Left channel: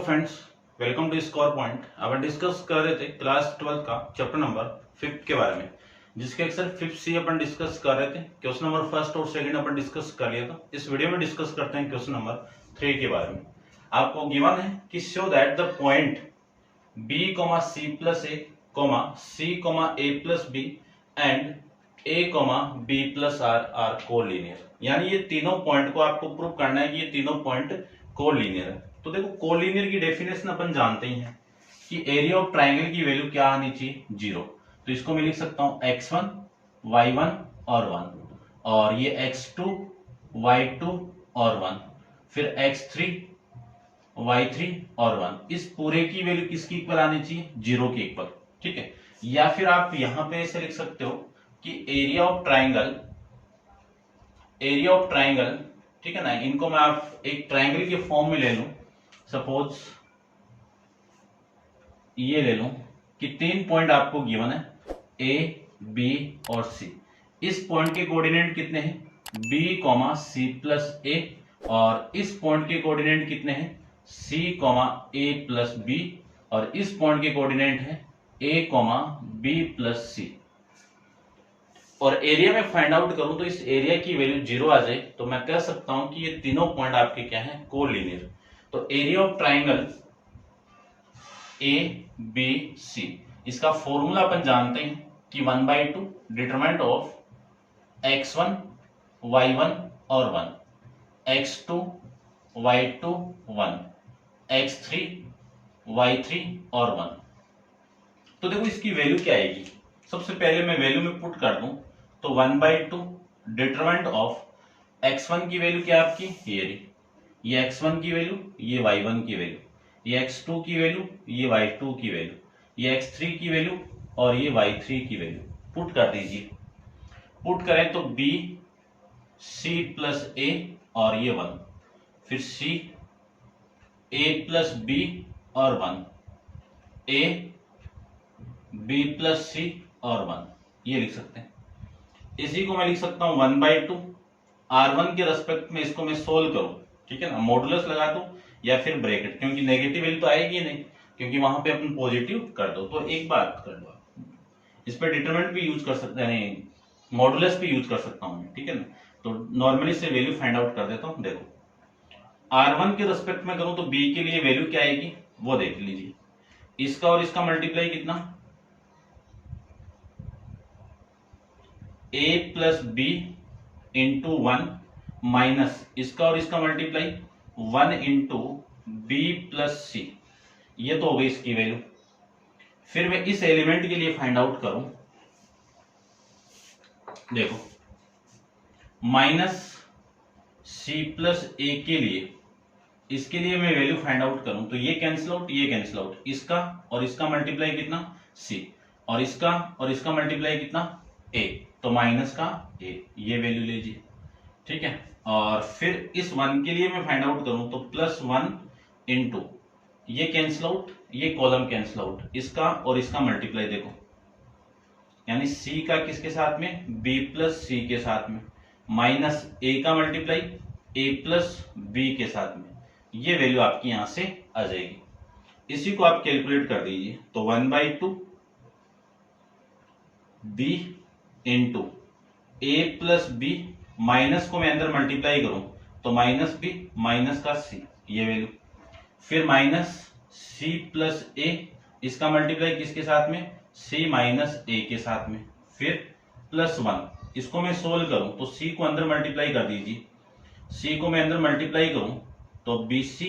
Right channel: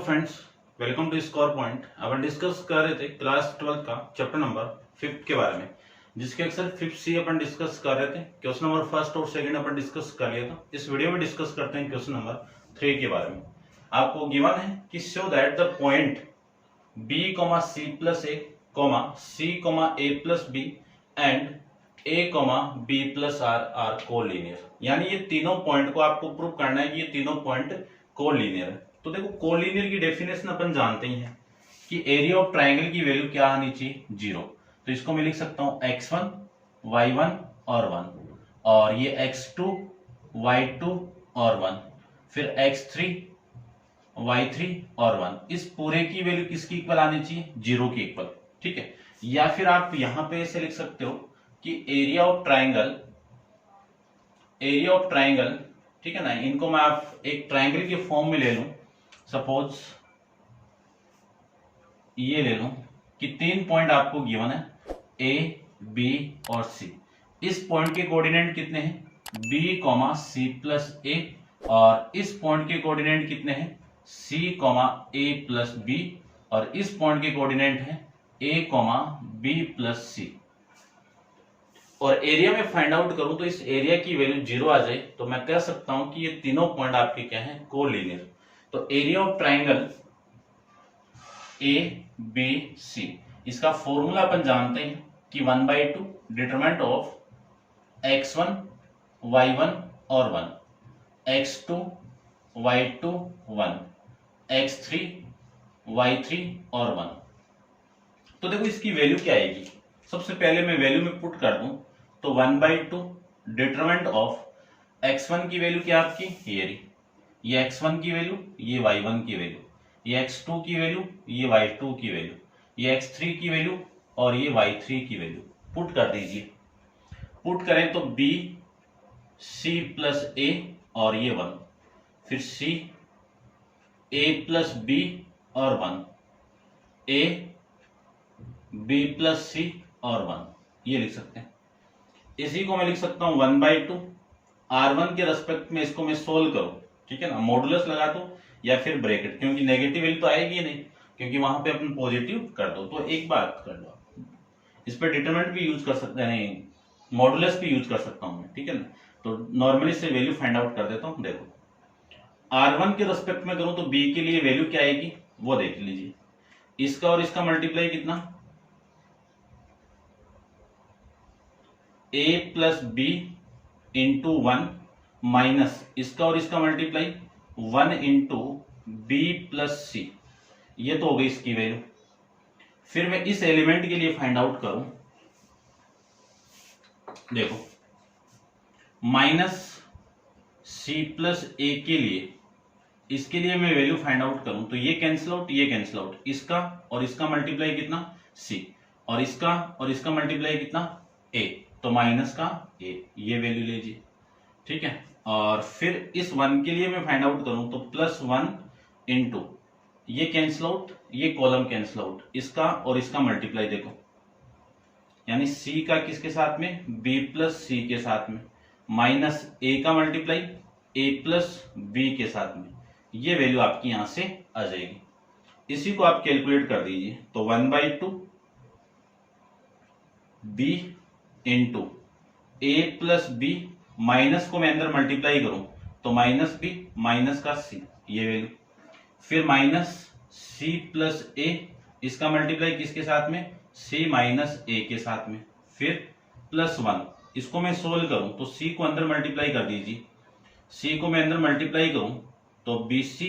Friends, welcome to score point. अपन discuss कर रहे थे क्लास 12 का चैप्टर नंबर 5 के बारे में, जिसके अक्सर 5 सी अपन डिस्कस कर रहे थे। क्वेश्चन नंबर फर्स्ट और सेकंड अपन डिस्कस कर लिया था। इस वीडियो में डिस्कस करते हैं क्वेश्चन नंबर 3 के बारे में। आपको गिवन है कि show that the point b, c plus a, c, a plus b and a, b plus r are collinear. यानी ये तीनों पॉइंट को आपको प्रूव करना है कि ये तीनों पॉइंट कोलिनियर है। तो देखो, कोलिनियर की डेफिनेशन अपन जानते ही हैं कि एरिया ऑफ ट्राइंगल की वैल्यू क्या आनी चाहिए, 0। तो इसको मैं लिख सकता हूं x1, y1 और 1, और ये x2, y2 और 1, फिर x3, y3 और 1। इस पूरे की वैल्यू किसकी इक्वल आनी चाहिए, 0 के इक्वल। ठीक है। या फिर आप यहां पे ऐसे लिख सकते हो कि एरिया ऑफ ट्राइंगल, ठीक है ना, इनको मैं आप एक ट्राइंगल के फॉर्म में ले लूं। सपोज ये ले लूं कि 3 पॉइंट आपको गिवन है, ए, बी और सी। इस पॉइंट के कोऑर्डिनेट कितने हैं, b, c प्लस ए, और इस पॉइंट के कोऑर्डिनेट कितने हैं, c, a प्लस b, और इस पॉइंट के कोऑर्डिनेट है a, b प्लस c। और एरिया में फाइंड आउट करूं तो इस एरिया की वैल्यू 0 आ जाए तो मैं कह सकता हूं कि ये तीनों पॉइंट आपके क्या हैं, कोलिनियर। तो area of triangle A, B, C, इसका फॉर्मूला अपन जानते हैं कि 1/2 डिटरमिनेंट ऑफ x1, y1 और 1, x2, y2 1, x3, y3 और 1। तो देखो इसकी वैल्यू क्या आएगी। सबसे पहले मैं वैल्यू में पुट कर दूं तो 1/2 डिटरमिनेंट ऑफ x1 की वैल्यू क्या आपकी, ये x1 की वैल्यू, ये y1 की वैल्यू, ये x2 की वैल्यू, ये y2 की वैल्यू, ये x3 की वैल्यू और ये y3 की वैल्यू पुट कर दीजिए। पुट करें तो b, c प्लस a और ये 1, फिर c, a प्लस b और 1, a, b प्लस c और 1, ये लिख सकते हैं। इसी को मैं लिख सकता हूं 1/2 r1 के रेस्पेक्ट में। इसको मैं सोल्व करूं, ठीक है ना, मॉडुलस लगा दो या फिर ब्रैकेट, क्योंकि नेगेटिव वैल्यू तो आएगी ही नहीं, क्योंकि वहां पे अपन पॉजिटिव कर दो। तो एक बात कर लो, इस पर डिटरमिनेंट भी यूज कर सकते हैं, मॉडुलस भी यूज कर सकता हूं मैं, ठीक है ना। तो नॉर्मली से वैल्यू फाइंड आउट कर देता हूं। देखो r1 के रेस्पेक्ट में करूं तो b के लिए वैल्यू क्या आएगी वो देख लीजिए। इसका और इसका मल्टीप्लाई कितना, a plus B into 1 minus इसका और इसका multiply 1 into B plus C, ये तो हो गई इसकी वैल्यू। फिर मैं इस एलिमेंट के लिए फाइंड आउट करूं, देखो माइनस सी प्लस ए के लिए, इसके लिए मैं वैल्यू फाइंड आउट करूं तो ये कैंसिल आउट, ये कैंसिल आउट, इसका और इसका मल्टीप्लाई कितना, सी, और इसका मल्टीप्लाई कितना, ए, तो माइनस का ए, ये वैल्यू लीजिए, ठीक है। और फिर इस 1 के लिए मैं फाइंड आउट करूं तो प्लस 1 इंटू ये कैंसिल आउट, ये कॉलम कैंसिल आउट, इसका और इसका मल्टीप्लाई देखो, यानी c का किसके साथ में, b प्लस सी के साथ में, माइनस a का मल्टीप्लाई a प्लस b के साथ में, ये वैल्यू आपकी यहां से आ जाएगी। इसी को आप कैलकुलेट कर दीजिए तो 1/2 b into a plus b, minus को मैं अंदर मल्टीप्लाई करूं तो माइनस b माइनस का c, ये वैल्यू, फिर माइनस c प्लस a, इसका मल्टीप्लाई किसके साथ में, c माइनस a के साथ में, फिर प्लस 1, इसको मैं सोल्व करूं तो c को अंदर मल्टीप्लाई कर दीजिए, c को मैं अंदर मल्टीप्लाई करूं तो bc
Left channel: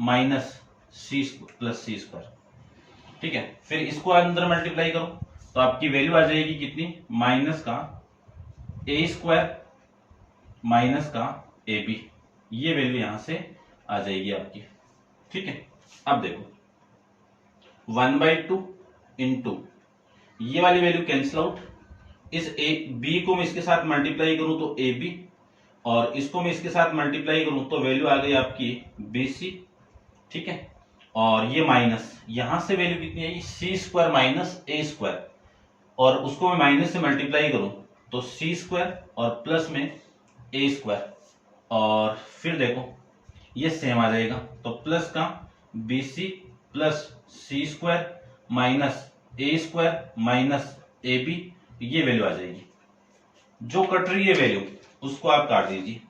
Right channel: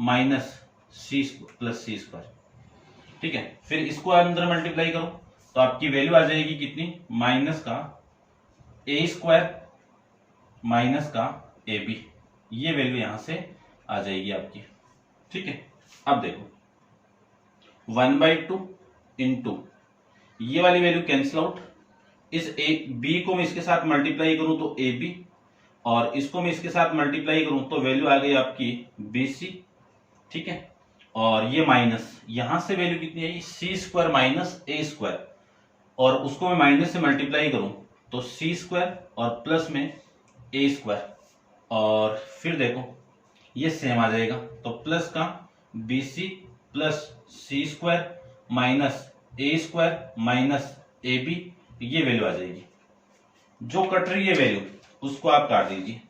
minus c plus C square, ठीक है। फिर इसको अंदर मल्टीप्लाई करो तो आपकी वैल्यू आ जाएगी कितनी, माइनस का ए स्क्वायर माइनस का ए बी, ये वैल्यू यहां से आ जाएगी आपकी, ठीक है। अब देखो 1/2 इंटू ये वाली वैल्यू कैंसिल आउट, इस ए बी को मैं इसके साथ मल्टीप्लाई करूं तो ए बी, और इसको मैं इसके साथ मल्टीप्लाई करूं तो वैल्यू आ गई आपकी बी सी, ठीक है। और ये माइनस, यहां से वैल्यू कितनी आई, सी स्क्वायर माइनस ए स्क्वायर, और उसको मैं माइनस से मल्टीप्लाई करूं तो सी स्क्वायर और प्लस में ए स्क्वायर, और फिर देखो ये सेम आ जाएगा तो प्लस का B C plus C square minus A square minus A B, ये वैल्यू आ जाएगी। जो कट रही है वैल्यू उसको आप काट दीजिए,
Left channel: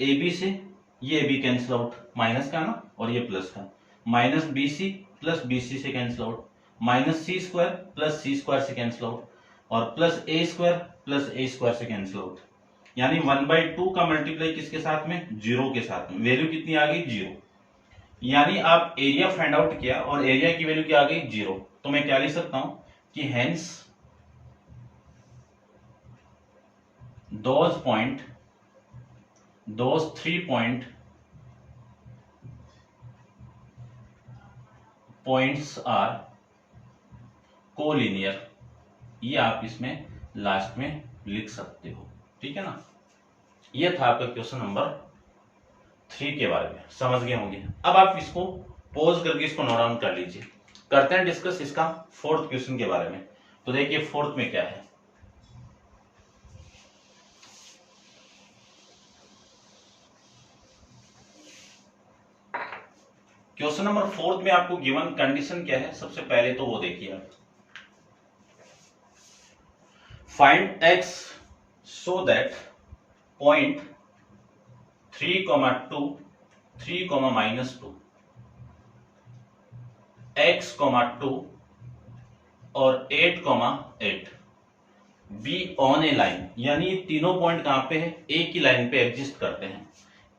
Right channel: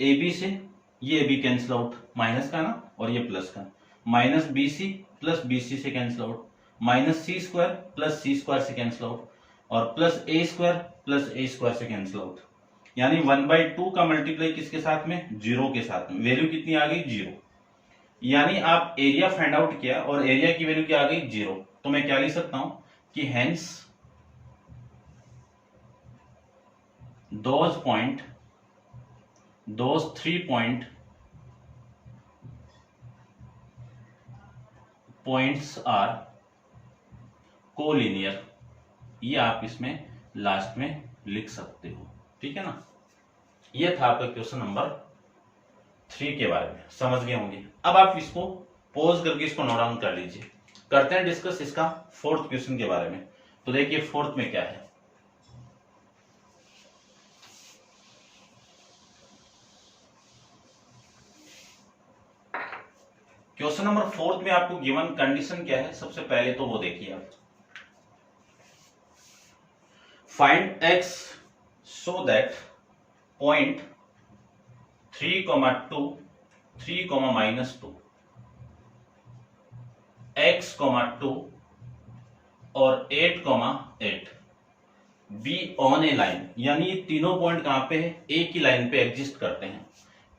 ए बी से ये A B cancel out, minus का ना और ये प्लस का, minus B C plus B C से cancel out, minus C square plus C square से कैंसिल आउट, और प्लस ए स्क्वायर से कैंसिल आउट। यानी 1/2 का मल्टीप्लाई किसके साथ में, जीरो के साथ में। वैल्यू कितनी आ गई, जीरो। यानी आप एरिया फाइंड आउट किया और एरिया की वैल्यू क्या आ गई, जीरो। तो मैं क्या लिख सकता हूं कि hence those 3 points are collinear. ये आप इसमें लास्ट में लिख सकते हो, ठीक है ना। ये था आपका क्वेश्चन नंबर 3 के बारे में, समझ गए होंगे। अब आप इसको पॉज करके इसको नोट डाउन कर लीजिए। करते हैं डिस्कस इसका 4th क्वेश्चन के बारे में। तो देखिए 4th में क्या है। क्वेश्चन नंबर 4 में आपको गिवन कंडीशन क्या है, सबसे पहले तो वो देखिए आप। Find x so that point 3,2 3,-2 x, 2 और 8,8 बी ऑन ए लाइन। यानी ये तीनों पॉइंट कहां पे है, एक ही लाइन पे एग्जिस्ट करते हैं,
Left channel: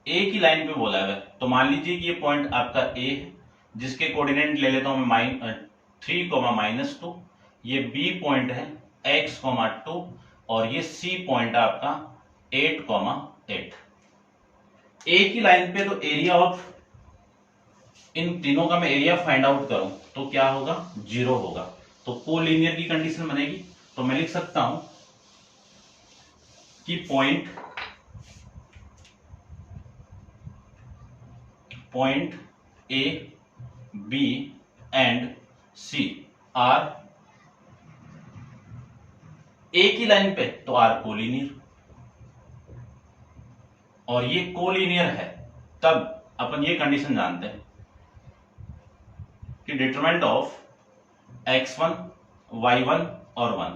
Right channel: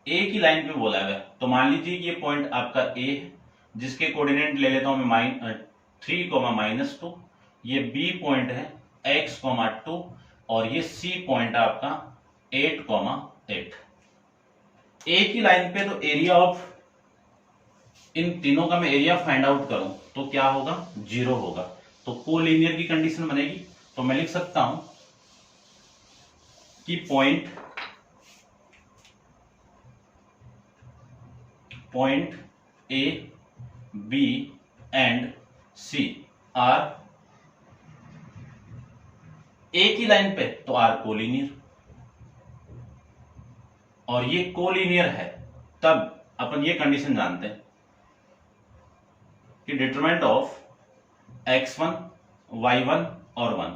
एक ही लाइन पे बोला है। तो मान लीजिए कि ये पॉइंट आपका ए है, जिसके कोऑर्डिनेट ले लेता हूं मैं 3,-2, ये बी पॉइंट है x, 2 और ये सी पॉइंट आपका 8,8। एक ही लाइन पे तो एरिया ऑफ इन तीनों का मैं एरिया फाइंड आउट करूं तो क्या होगा, जीरो होगा। तो कोलिनियर की कंडीशन बनेगी। तो मैं लिख सकता हूं कि point A B and C are एक ही लाइन पे, तो आर कोलिनियर। और ये कोलिनियर है तब अपन ये कंडीशन जानते हैं कि डिटरमिनेंट ऑफ x1 y1 और 1,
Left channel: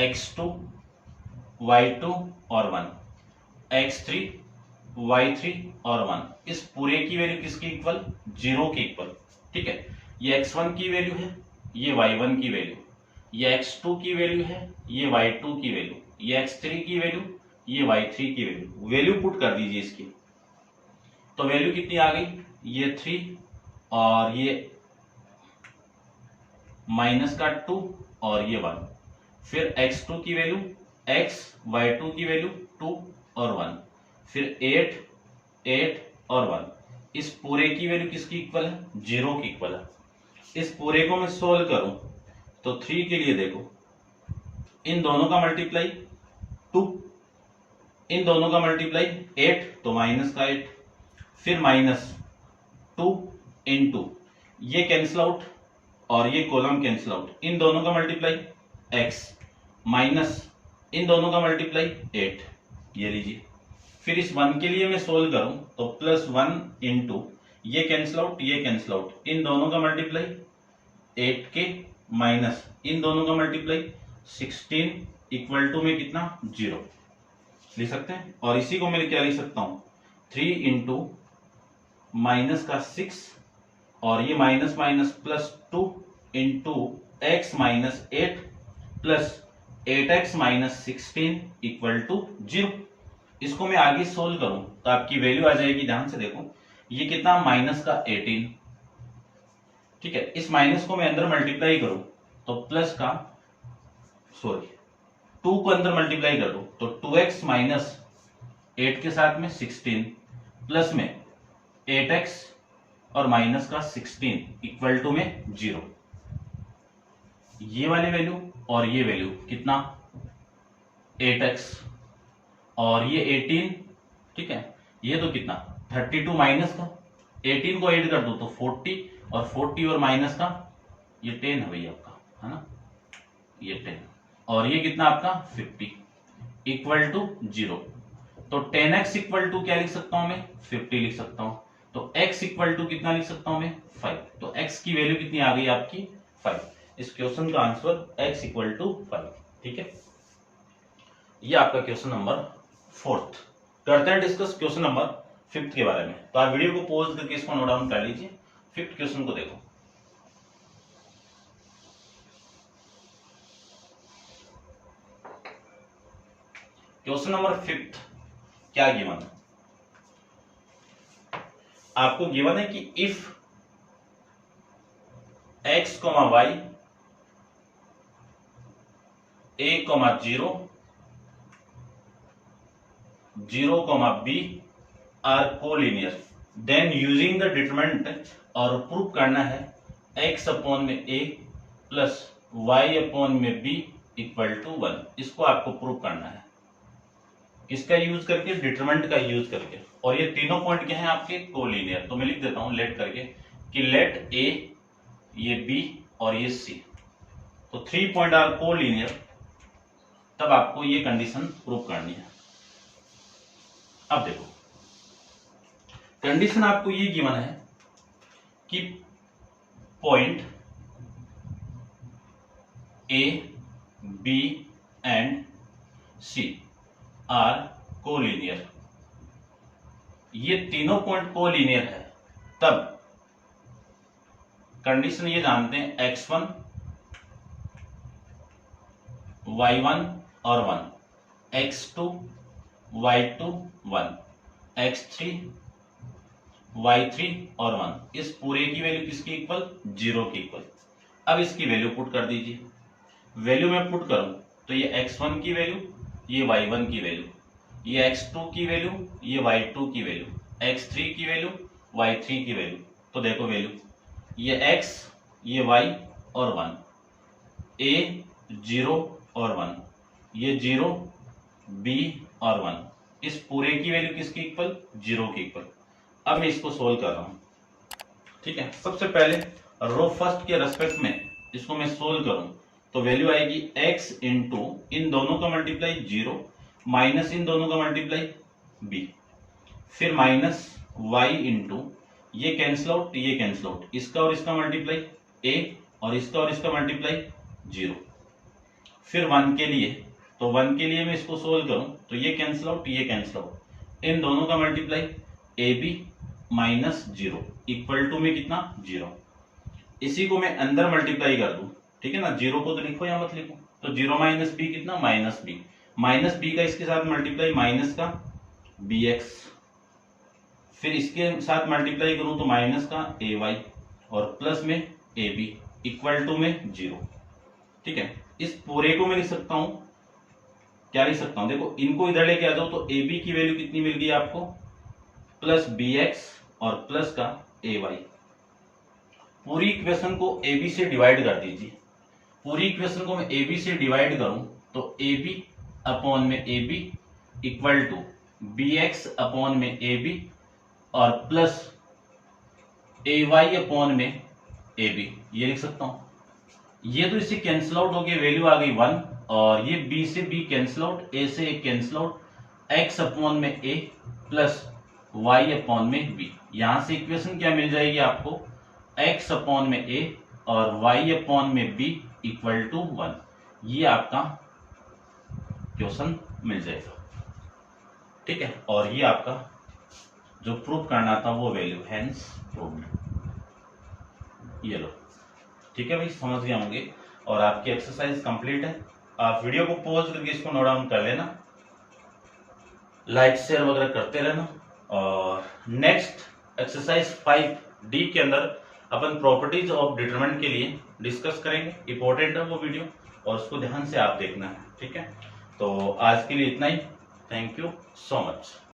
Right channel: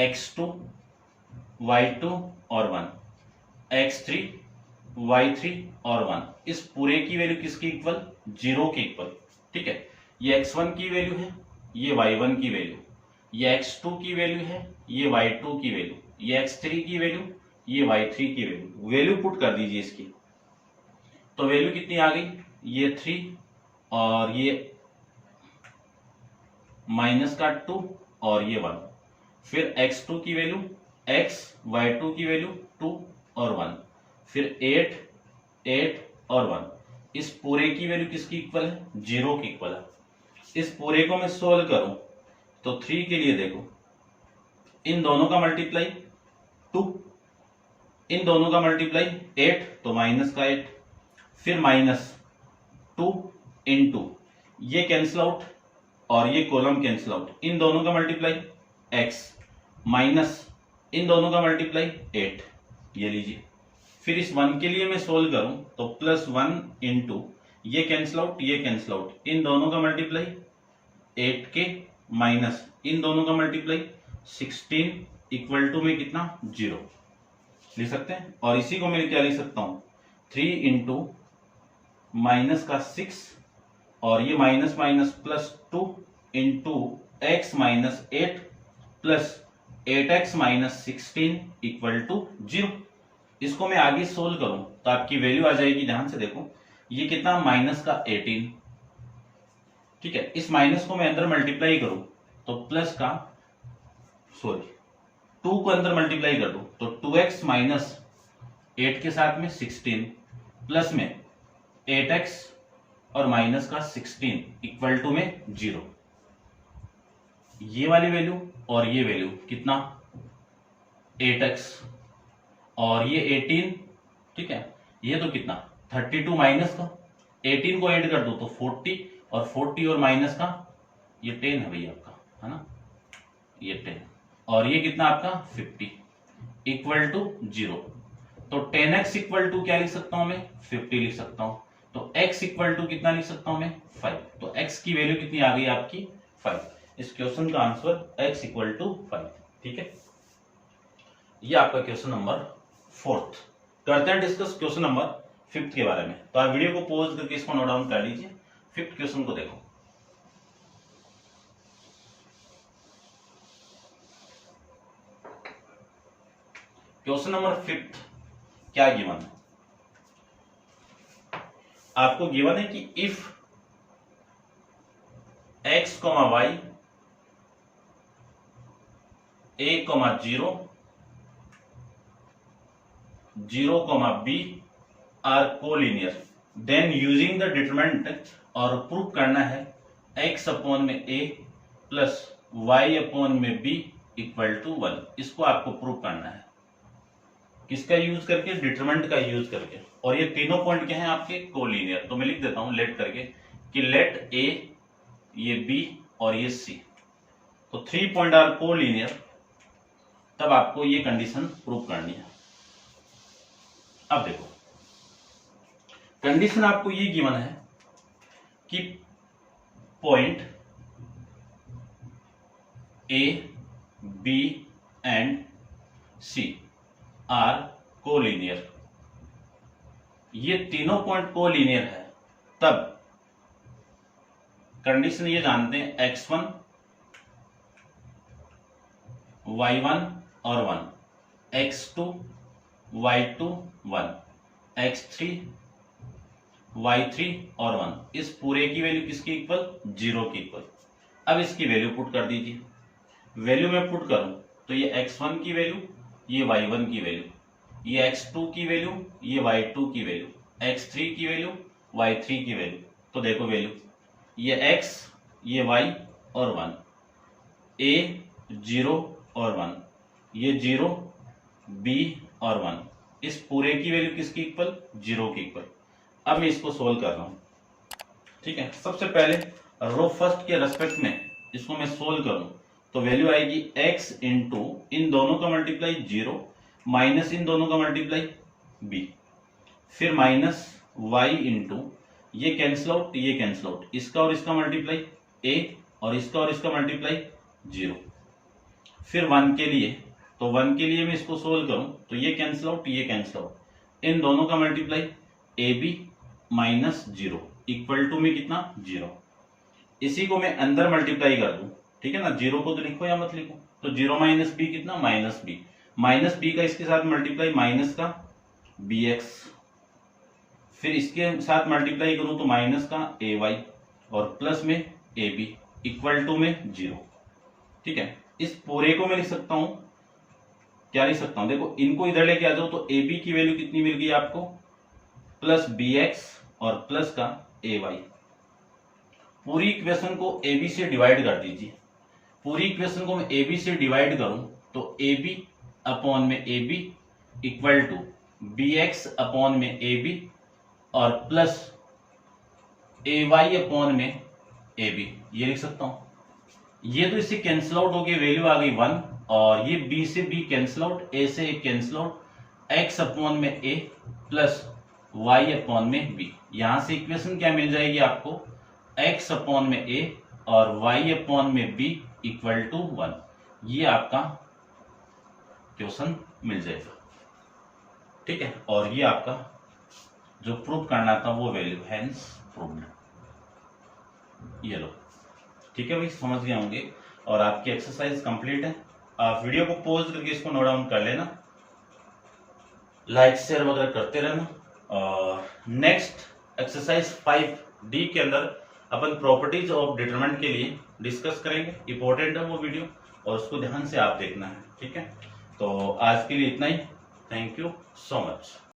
x2 y2 और 1, x3 y3 और 1, इस पूरे की वैल्यू किसकी इक्वल, जीरो की इक्वल। ठीक है, ये x1 की वैल्यू है, ये y1 की वैल्यू, ये x2 की वैल्यू है, ये y2 की वैल्यू, ये x3 की वैल्यू, ये y3 की वैल्यू। वैल्यू पुट कर दीजिए इसकी, तो वैल्यू कितनी आ गई, ये 3 और ये माइनस का 2 और ये 1। फिर x2 की वैल्यू x, y2 की वैल्यू 2 और 1, फिर 8 8 और 1। इस पूरे की वैल्यू किसकी इक्वल है, जीरो की इक्वल है। इस पूरे को मैं सोल्व करूं तो 3 के लिए देखो, इन दोनों का मल्टीप्लाई 2, इन दोनों का मल्टीप्लाई 8, तो माइनस का 8, फिर माइनस 2 इंटू ये कैंसिल आउट और ये कॉलम कैंसिल आउट, इन दोनों का मल्टीप्लाई x माइनस इन दोनों का मल्टीप्लाई 8, ये लीजिए। फिर इस 1 के लिए मैं सोल्व करूं तो +1 इंटू ये कैंसिल आउट, ये कैंसिल आउट, इन दोनों का मल्टीप्लाई 8 के माइनस इन दोनों का मल्टीप्लाई 16 इक्वल टू में कितना, 0 लिख सकते हैं। और इसी को मैं क्या लिख सकता हूं, 3 इंटू माइनस का 6 और ये minus minus +2 into X minus 8 plus 8x minus 16 equal to 0। इसको मैं आगे सोल्व करूं तो आपकी वैल्यू आ जाएगी, ध्यान से देखो, ये कितना, माइनस का 18। ठीक है, इस माइनस को मैं अंदर मल्टीप्लाई करूं तो प्लस का 2 को अंदर मल्टीप्लाई कर दो तो 2x माइनस 8 के साथ में 16 प्लस में 8x और माइनस का 16 इक्वल टू में 0। ये वाली वैल्यू और ये वैल्यू कितना, 8x और ये 18। ठीक है, ये तो कितना 32 माइनस का 18 को ऐड कर दो तो 40 और 40 और माइनस का ये 10 है भैया आपका, है ना, ये 10 और ये कितना आपका 50 इक्वल टू 0। तो 10x इक्वल टू क्या लिख सकता हूं मैं, 50 लिख सकता हूं। तो x इक्वल टू कितना लिख सकता हूं मैं 5। तो x की वैल्यू कितनी आ गई आपकी 5। इस क्वेश्चन का आंसर x इक्वल टू 5। ठीक है, ये आपका क्वेश्चन नंबर 4। करते हैं डिस्कस क्वेश्चन नंबर 5 के बारे में। तो आप वीडियो को पॉज करके इसको नोट डाउन कर लीजिए। 5th क्वेश्चन को देखो। क्वेश्चन नंबर 5 क्या गिवन है? आपको गिवन है कि if x, y a, 0 0, b are collinear, then using the determinant, और प्रूव करना है x अपॉन में a प्लस y अपॉन में b इक्वल टू 1। इसको आपको प्रूव करना है किसका यूज करके? डिटरमिनेंट का यूज करके। और ये तीनों पॉइंट क्या हैं आपके? कोलिनियर। तो मैं लिख देता हूं लेट करके कि लेट a, ये b और ये c, तो 3 पॉइंट आर कोलिनियर, तब आपको ये कंडीशन प्रूव करनी है। अब देखो कंडीशन आपको ये गिवन है कि point A, B and C are collinear. ये तीनों पॉइंट कोलिनियर है, तब कंडीशन ये जानते हैं x1, y1 और 1, x2, y2 1, x3, y3 और 1। इस पूरे की वैल्यू किसकी इक्वल? 0 की इक्वल। अब इसकी वैल्यू पुट कर दीजिए। वैल्यू में पुट करूं तो ये x1 की वैल्यू, ये y1 की वैल्यू, ये x2 की वैल्यू, ये y2 की वैल्यू, x3 की वैल्यू, y3 की वैल्यू। तो देखो वैल्यू, ये x, ये y और 1, a 0 और 1, ये 0, b और 1। इस पूरे की वैल्यू किसकी इक्वल? 0 की इक्वल। अब मैं इसको सोल्व कर रहा हूं। ठीक है, सबसे पहले रो फर्स्ट के रेस्पेक्ट में इसको मैं सोल्व करूं तो वैल्यू आएगी x इंटू इन दोनों का मल्टीप्लाई 0 माइनस इन दोनों का मल्टीप्लाई b, फिर माइनस y इंटू ये कैंसिल आउट, ये कैंसिल आउट, इसका और इसका मल्टीप्लाई a और इसका मल्टीप्लाई 0, फिर 1 के लिए, तो 1 के लिए मैं इसको सोल्व करूं तो ये कैंसिल आउट, ये कैंसिल आउट, इन दोनों का multiply ab minus 0 equal to में कितना? 0। इसी को मैं अंदर मल्टीप्लाई कर दूं, ठीक है ना, 0 को तो लिखो या मत लिखो, तो 0 माइनस बी कितना? Minus B. माइनस बी का इसके साथ मल्टीप्लाई माइनस का bx, फिर इसके साथ मल्टीप्लाई करूं तो माइनस का ay और प्लस में ab इक्वल टू में 0। ठीक है, इस पूरे को मैं लिख सकता हूं, क्या लिख सकता हूं? देखो इनको इधर लेके आ जाओ तो ab की वैल्यू कितनी मिल गई आपको? प्लस bx और प्लस का ay। पूरी इक्वेशन को ab से डिवाइड कर दीजिए। पूरी इक्वेशन को मैं ab से डिवाइड करूं तो ab अपॉन में ab equal to bx upon में ab और प्लस ay अपॉन में ab, ये लिख सकता हूं। ये तो इससे कैंसिल आउट हो गई, वैल्यू आ गई 1, और ये b से b कैंसिल आउट, a से a cancel out, x upon में a प्लस y अपॉन में b। यहां से इक्वेशन क्या मिल जाएगी आपको? x अपॉन में a और y अपॉन में b इक्वल टू 1। ये आपका क्वेश्चन मिल जाएगा। ठीक है, और ये आपका जो प्रूफ करना था वो वैल्यू, हेंस प्रूव्ड। ये लो, ठीक है भाई, समझ गए होंगे। और आपकी एक्सरसाइज कंप्लीट है। आप वीडियो को पॉज करके इसको नोट डाउन कर लेना, लाइक शेयर वगैरह करते रहना। और नेक्स्ट एक्सरसाइज 5D के अंदर अपन प्रॉपर्टीज ऑफ डिटरमिनेंट के लिए डिस्कस करेंगे। इंपॉर्टेंट है वो वीडियो और उसको ध्यान से आप देखना है। ठीक है, तो आज के लिए इतना ही। Thank you so much.